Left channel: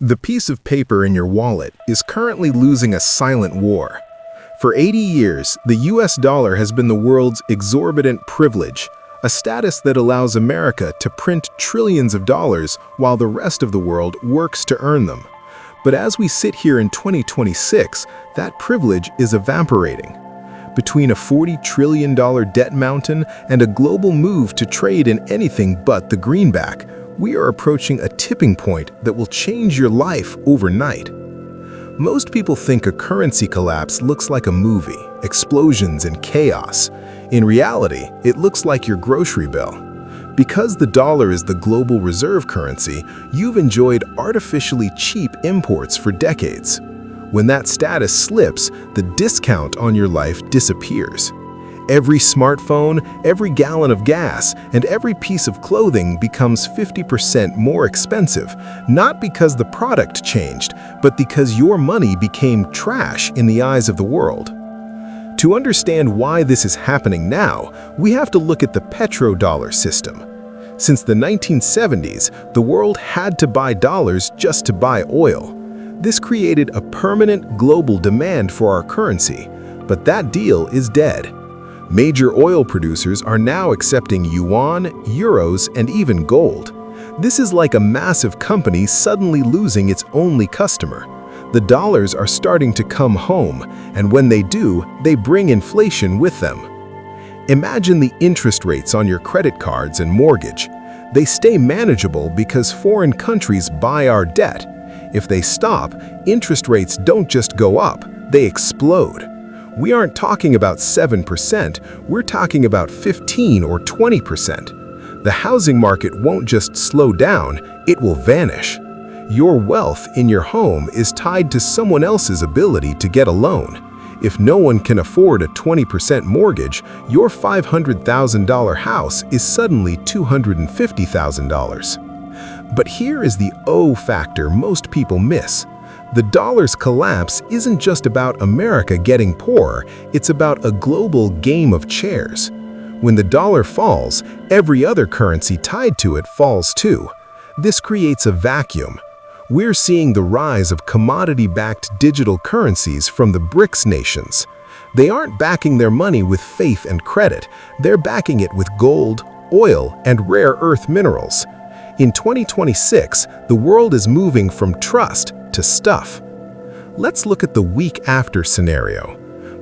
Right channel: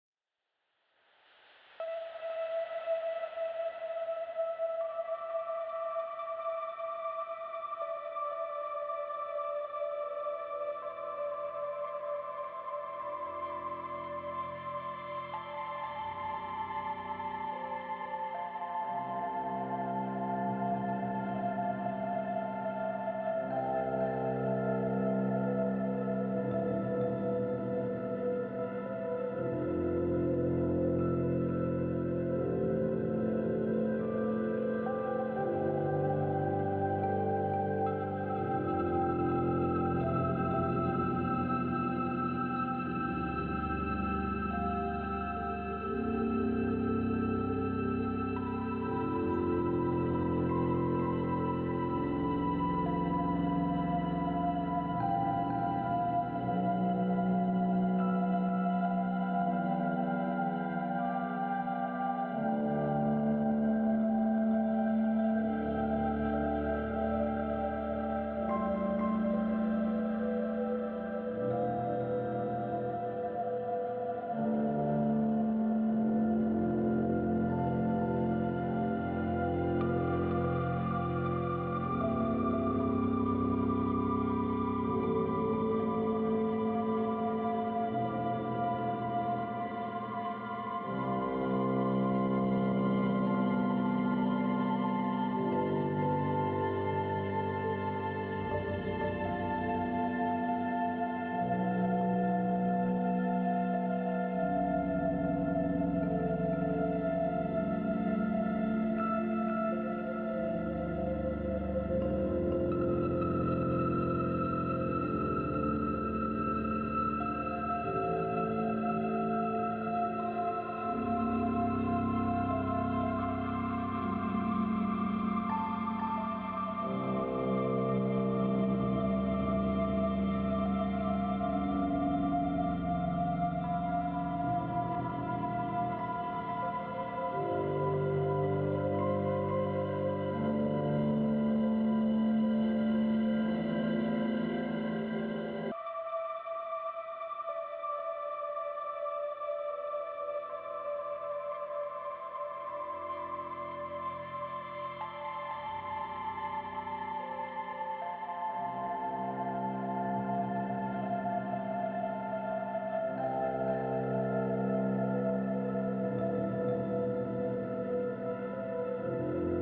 The piece of paper in your wallet is currently losing a silent war. For 80 years, the US dollar has been the world's exorbitant privilege, a status that allows America to print trillions of dollars while the rest of the world works to earn them. But as we sit here in 2026, that privilege is evaporating. Between a $40 trillion debt mountain and a global move to trade in anything but the greenback, we are approaching a tipping point that will change your life overnight. Most people think a currency collapse looks like a movie, explosions and chaos. In reality, it looks like your grocery bill. Because the dollar is the global reserve currency, you've enjoyed artificially cheap imports for decades. When that status slips, the discount on your life disappears. Every smartphone, every gallon of gas, and every piece of clothing becomes 50% more expensive, not because the product changed, but because your money became trash in the eyes of the world. To understand why this is happening now, we have to look at the petrodollar system. Since the 1970s, the world had to buy dollars just to buy oil. This created a permanent global demand for our currency, but that deal is dead. Major oil producers are now accepting yuan, euros, and even gold. This is like a massive company suddenly losing its only customer. The dollars are starting to come home, and when they do, they bring inflation with them. Imagine the interest rates on your credit cards and mortgage. They stay manageable because foreign countries buy our debt. If they stop, interest rates don't just go up, they explode. We aren't talking about 7%, we're talking about 15 or 20%. The housing market won't just slow down, it will vanish. Your wealth in your home is tied to someone else's ability to get a loan. If no one can afford a 20% mortgage, your $500,000 house is suddenly $250,000. But here is the O factor most people miss. The dollar's collapse isn't just about America getting poorer, it's about a global game of chairs. When the dollar falls, every other currency tied to it falls too. This creates a vacuum. We're seeing the rise of commodity-backed digital currencies from the BRICS nations. They aren't backing their money with faith and credit, they're backing it with gold, oil, and rare earth minerals. In 2026, the world is moving from trust to stuff. Let's look at the week after scenario.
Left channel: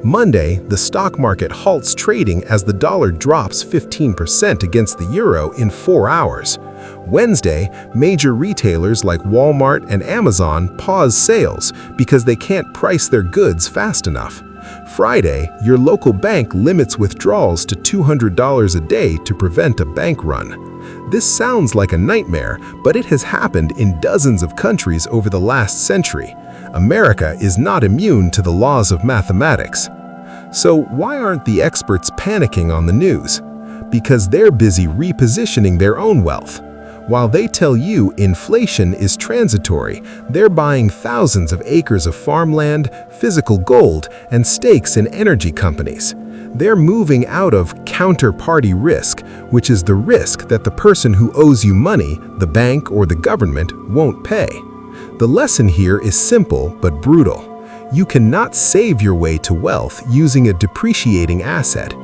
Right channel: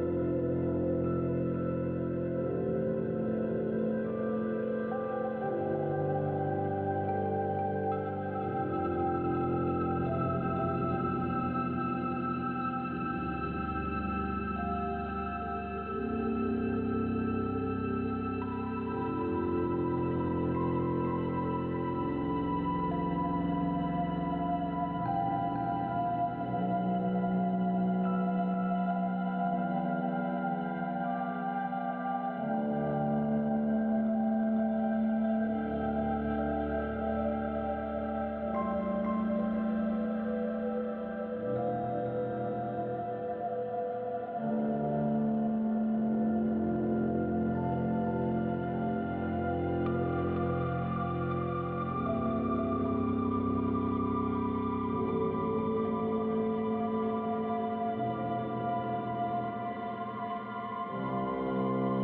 Monday, the stock market halts trading as the dollar drops 15% against the euro in 4 hours. Wednesday, major retailers like Walmart and Amazon pause sales because they can't price their goods fast enough. Friday, your local bank limits withdrawals to $200 a day to prevent a bank run. This sounds like a nightmare, but it has happened in dozens of countries over the last century. America is not immune to the laws of mathematics. So why aren't the experts panicking on the news? Because they're busy repositioning their own wealth. While they tell you inflation is transitory, they're buying thousands of acres of farmland, physical gold, and stakes in energy companies. They're moving out of counterparty risk, which is the risk that the person who owes you money, the bank or the government, won't pay. The lesson here is simple but brutal. You cannot save your way to wealth using a depreciating asset.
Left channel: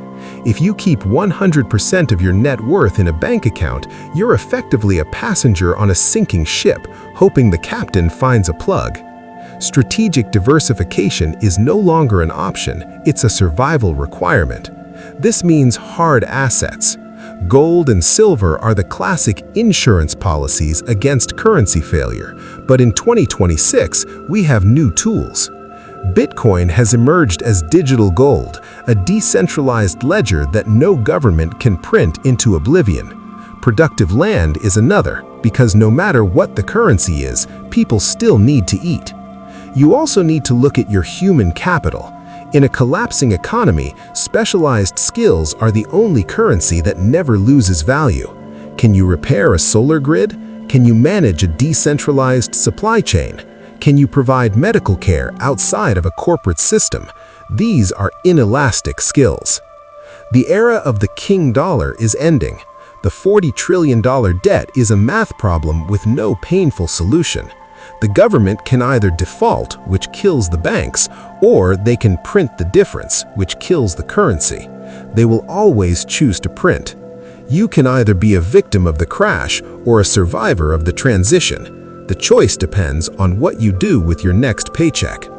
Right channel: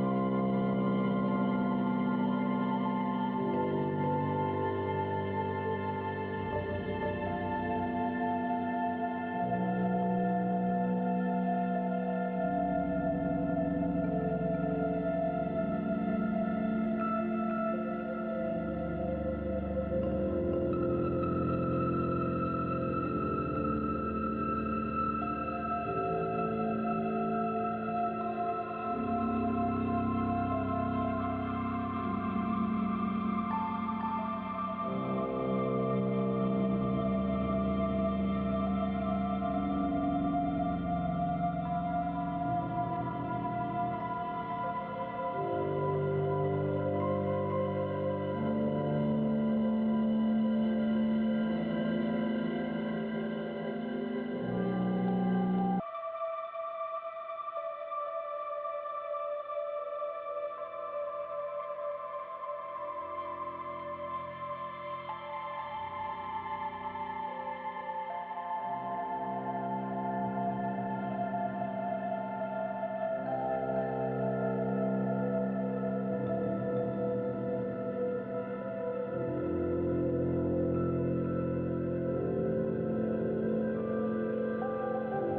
If you keep 100% of your net worth in a bank account, you're effectively a passenger on a sinking ship, hoping the captain finds a plug. Strategic diversification is no longer an option, it's a survival requirement. This means hard assets. Gold and silver are the classic insurance policies against currency failure, but in 2026, we have new tools. Bitcoin has emerged as digital gold, a decentralized ledger that no government can print into oblivion. Productive land is another, because no matter what the currency is, people still need to eat. You also need to look at your human capital. In a collapsing economy, specialized skills are the only currency that never loses value. Can you repair a solar grid? Can you manage a decentralized supply chain? Can you provide medical care outside of a corporate system? These are inelastic skills. The era of the king dollar is ending. The $40 trillion debt is a math problem with no painful solution. The government can either default, which kills the banks, or they can print the difference, which kills the currency. They will always choose to print. You can either be a victim of the crash or a survivor of the transition. The choice depends on what you do with your next paycheck.